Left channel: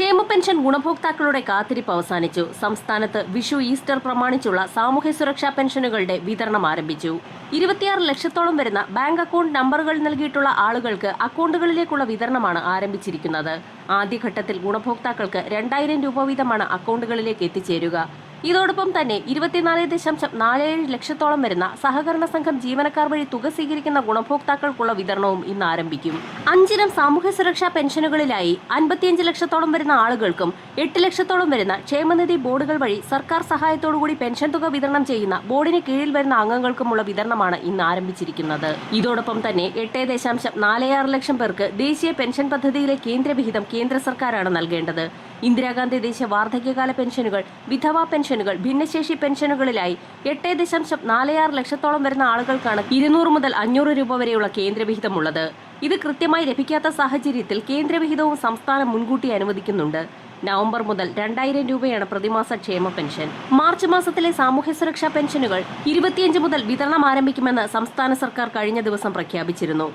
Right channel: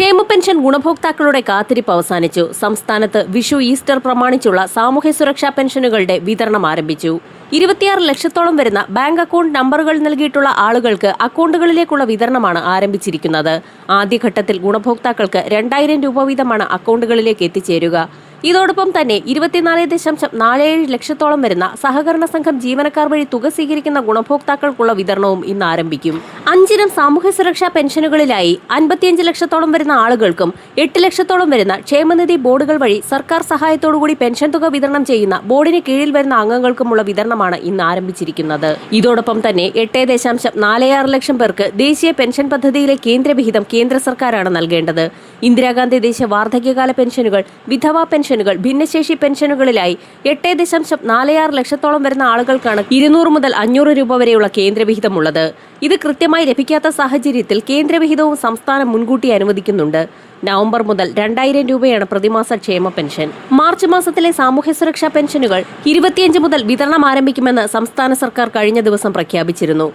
ക്ഷേമ പെൻഷൻ ഗുണഭോക്താക്കളുടെ കാത്തിരിപ്പ് അവസാനിച്ചു. സംസ്ഥാനത്ത് വിഷു, ഈസ്റ്റർ പ്രമാണിച്ചുള്ള സാമൂഹ്യ സുരക്ഷാ പെൻഷനുകളുടെ വിതരണം ആരംഭിച്ചു. 26 ലക്ഷത്തോളം വരുന്ന ബാങ്ക് അക്കൗണ്ട് നമ്പറുകൾ നൽകിയിട്ടുള്ള ആളുകൾക്ക് അക്കൗണ്ടുകളിലേക്കുള്ള വിതരണമാണ് ആരംഭിച്ചിരിക്കുന്നത്. ആദ്യഘട്ടത്തിൽ ഗുണഭോക്താക്കൾക്ക് 2000 രൂപ വീതമാണ് അക്കൗണ്ടുകളിലേക്ക് എത്തിച്ചേരുക. ഇതോടൊപ്പം തന്നെ 24.47 ലക്ഷത്തോളം വരുന്ന സഹകരണ സംഘം ജീവനക്കാർ വഴി തുക സ്വീകരിക്കുന്ന ഗുണഭോക്താക്കൾക്കുള്ള വിതരണവും ഇന്ന് ആരംഭിക്കും. 5 ഇനം സാമൂഹ്യ സുരക്ഷാ പെൻഷനുകളിലായി 55 ലക്ഷത്തോളം വരുന്ന ആളുകൾക്കും 8 ലക്ഷത്തോളം വരുന്ന ക്ഷേമനിധി ബോർഡുകൾ വഴി സർക്കാർ സഹായത്തോടുകൂടി പെൻഷൻ തുക വിതരണം ചെയ്യുന്ന ബോർഡിന് കീഴിൽ വരുന്ന അംഗങ്ങൾക്കുമുള്ള വിതരണമാണ് ഇന്ന് ആരംഭിച്ചിരിക്കുന്നത്. ഇതോടൊപ്പം തന്നെ 8.46 ലക്ഷം പേർക്ക് ദേശീയ പെൻഷൻ പദ്ധതിയിലെ കേന്ദ്രവിഹിതം കേന്ദ്ര സർക്കാരാണ് നൽകേണ്ടത്. ഇന്ദിരാഗാന്ധി ദേശീയ വാർദ്ധക്യകാല പെൻഷനുകൾ, വിധവാ പെൻഷനുകൾ, ഭിന്നശേഷി പെൻഷനുകളിലായി 8.46 ലക്ഷത്തോളം വരുന്ന ആളുകൾക്കാണ് 200 മുതൽ 500 രൂപ വരെയുള്ള കേന്ദ്രവിഹിതമുള്ളത്. ഇത് കൃത്യമായി ലഭിക്കാത്ത സാഹചര്യത്തിൽ കേന്ദ്രവിഹിതവും സംസ്ഥാനം മുൻകൂട്ടി അനുവദിക്കുന്നുണ്ട്. നവംബർ മുതൽ 2000 രൂപയാണ് പ്രതിമാസ ക്ഷേമ പെൻഷൻ. മാർച്ച് മാസത്തിലെ സാമൂഹ്യ സുരക്ഷാ പെൻഷനുകൾ 25 മുതൽ വിതരണം ആരംഭിക്കുമെന്ന് സംസ്ഥാന സർക്കാർ കഴിഞ്ഞ ദിവസം പ്രഖ്യാപിച്ചിരുന്നു.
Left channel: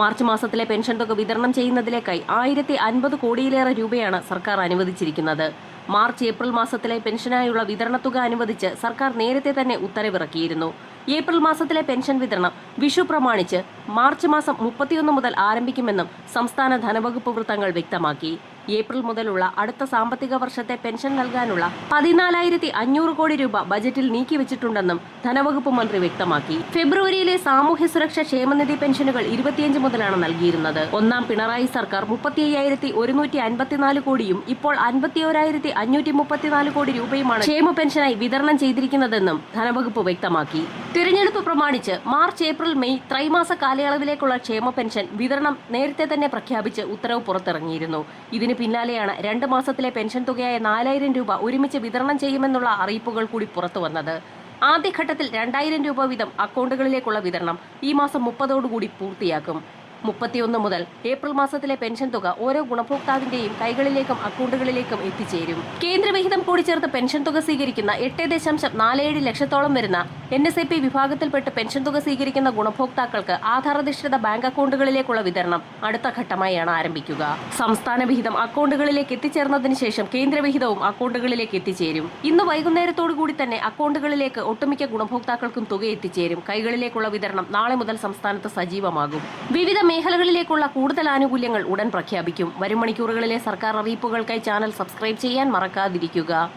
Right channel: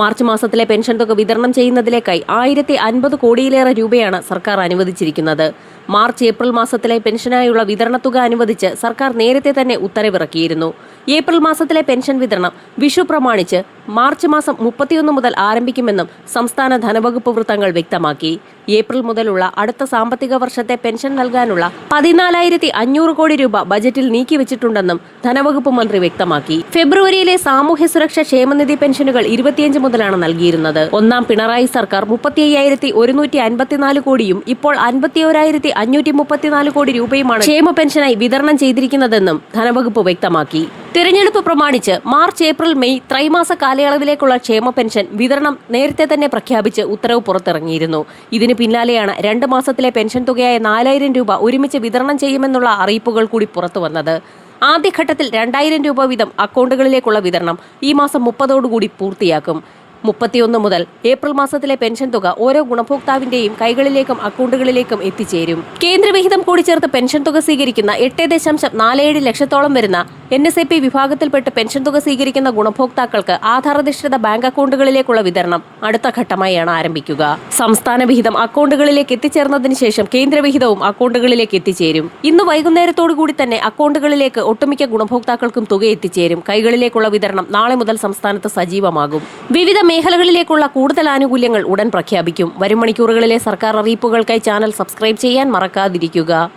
മാർച്ച് മാസത്തിലെ പെൻഷൻ തുക വിതരണം ചെയ്യുന്നതിലേക്കായി 1050 കോടിയിലേറെ രൂപയാണ് സർക്കാർ അനുവദിച്ചിരിക്കുന്നത്. മാർച്ച്, ഏപ്രിൽ മാസത്തിലെ പെൻഷനായുള്ള വിതരണത്തുക അനുവദിച്ച് സർക്കാർ നേരത്തെ തന്നെ ഉത്തരവിറക്കിയിരുന്നു. ഏപ്രിൽ മാസത്തിലെ പെൻഷൻ വിതരണം വിഷു പ്രമാണിച്ച് മാർച്ച് മാസം 31 മുതൽ ആരംഭിക്കുമെന്നും സംസ്ഥാന ധനവകുപ്പ് വൃത്തങ്ങൾ വ്യക്തമാക്കി. ഏപ്രിൽ മുതലുള്ള അടുത്ത സാമ്പത്തിക വർഷത്തെ പെൻഷൻ നൽകാനുള്ള 14,500 കോടി രൂപ ബജറ്റിൽ നീക്കിവച്ചിട്ടുണ്ടെന്നും ധനവകുപ്പ് മന്ത്രി വ്യക്തമാക്കി. ഫെബ്രുവരിയിലെ സാമൂഹ്യ സുരക്ഷാ ക്ഷേമനിധി പെൻഷനുകൾ 25 മുതലാണ് നൽകിയിരുന്നത്. ഒന്നാം പിണറായി സർക്കാർ 35,154 കോടിയും ഇപ്പോൾ 51,534 കോടി രൂപയുമാണ് ക്ഷേമ പെൻഷനായി വിതരണം ചെയ്തിരിക്കുന്നതെന്നും ധനവകുപ്പ് വ്യക്തമാക്കി. തിരഞ്ഞെടുപ്പ് പ്രമാണിച്ച് മാർച്ച്, ഏപ്രിൽ, മെയ് ത്രൈമാസ കാലയളവിലേക്കുള്ള ക്ഷേമ പെൻഷൻ വിതരണം നേരത്തെ തന്നെ പ്രഖ്യാപിച്ച് ഉത്തരവ് പുറത്തിറങ്ങിയിരുന്നു. ഇതിന് പിന്നാലെയാണ് 2 മാസത്തിലെ പെൻഷൻ തുകയായ 4000 രൂപ ഒരുമിച്ച് വിതരണം ചെയ്യുമെന്നുള്ള അറിയിപ്പുകൾ കൂടി പുറത്തുവന്നത്. ആദ്യഘട്ടത്തിൽ 2000 രൂപ വീതം അക്കൗണ്ടുകളിലേക്കുള്ള വിതരണം ഈ മാസം 30ഓടുകൂടി പൂർത്തിയാക്കും. 31 മുതൽ ഏപ്രിൽ മാസത്തിലെ പെൻഷൻ തുക ഓരോ ഗുണഭോക്താവിന്റെയും കൈകളിലേക്കും അക്കൗണ്ടുകളിലേക്കും എത്തിച്ചേരും. കേന്ദ്രവിഹിതം കൂടി ചേർത്ത് പെൻഷൻ തുക സ്വീകരിക്കുന്ന 8.47 ലക്ഷത്തോളം വരുന്ന NSAP വിഭാഗത്തിൽപ്പെട്ട് പെൻഷൻ തുക സ്വീകരിക്കുന്ന ഗുണഭോക്താക്കൾക്ക് ആധാരധിഷ്ഠിത ബാങ്ക് അക്കൗണ്ടുകളിലേക്കുള്ള വിതരണം അടുത്ത ഘട്ടമായാണ് ആരംഭിക്കുക. സംസ്ഥാന വിഹിതം അക്കൗണ്ടുകളിലേക്ക് എത്തിച്ചേർന്നതിന് ശേഷം കേന്ദ്രവിഹിതവും അക്കൗണ്ടുകളിലേക്ക് എത്തിച്ചേരും. ഇന്ന് വൈകുന്നേരത്തോടു കൂടി തന്നെ അക്കൗണ്ടുകളിലേക്ക് ഒട്ടുമിക്ക ഗുണഭോക്താക്കൾക്കും തുക എത്തിച്ചേരും. കൈകളിലേക്കുള്ള വിതരണം നാളെ മുതൽ സംസ്ഥാനത്ത് സജീവമാകും. വിവിധ മേഖലകളിലേക്കുള്ള കൂടുതൽ ആനുകൂല്യങ്ങൾ ഉടൻ പ്രഖ്യാപിക്കും. വരും മണിക്കൂറുകളിലെ സർക്കാർ അറിയിപ്പുകൾക്കായി ചാനൽ സബ്സ്ക്രൈബ് ചെയ്യാൻ മറക്കാതിരിക്കുക.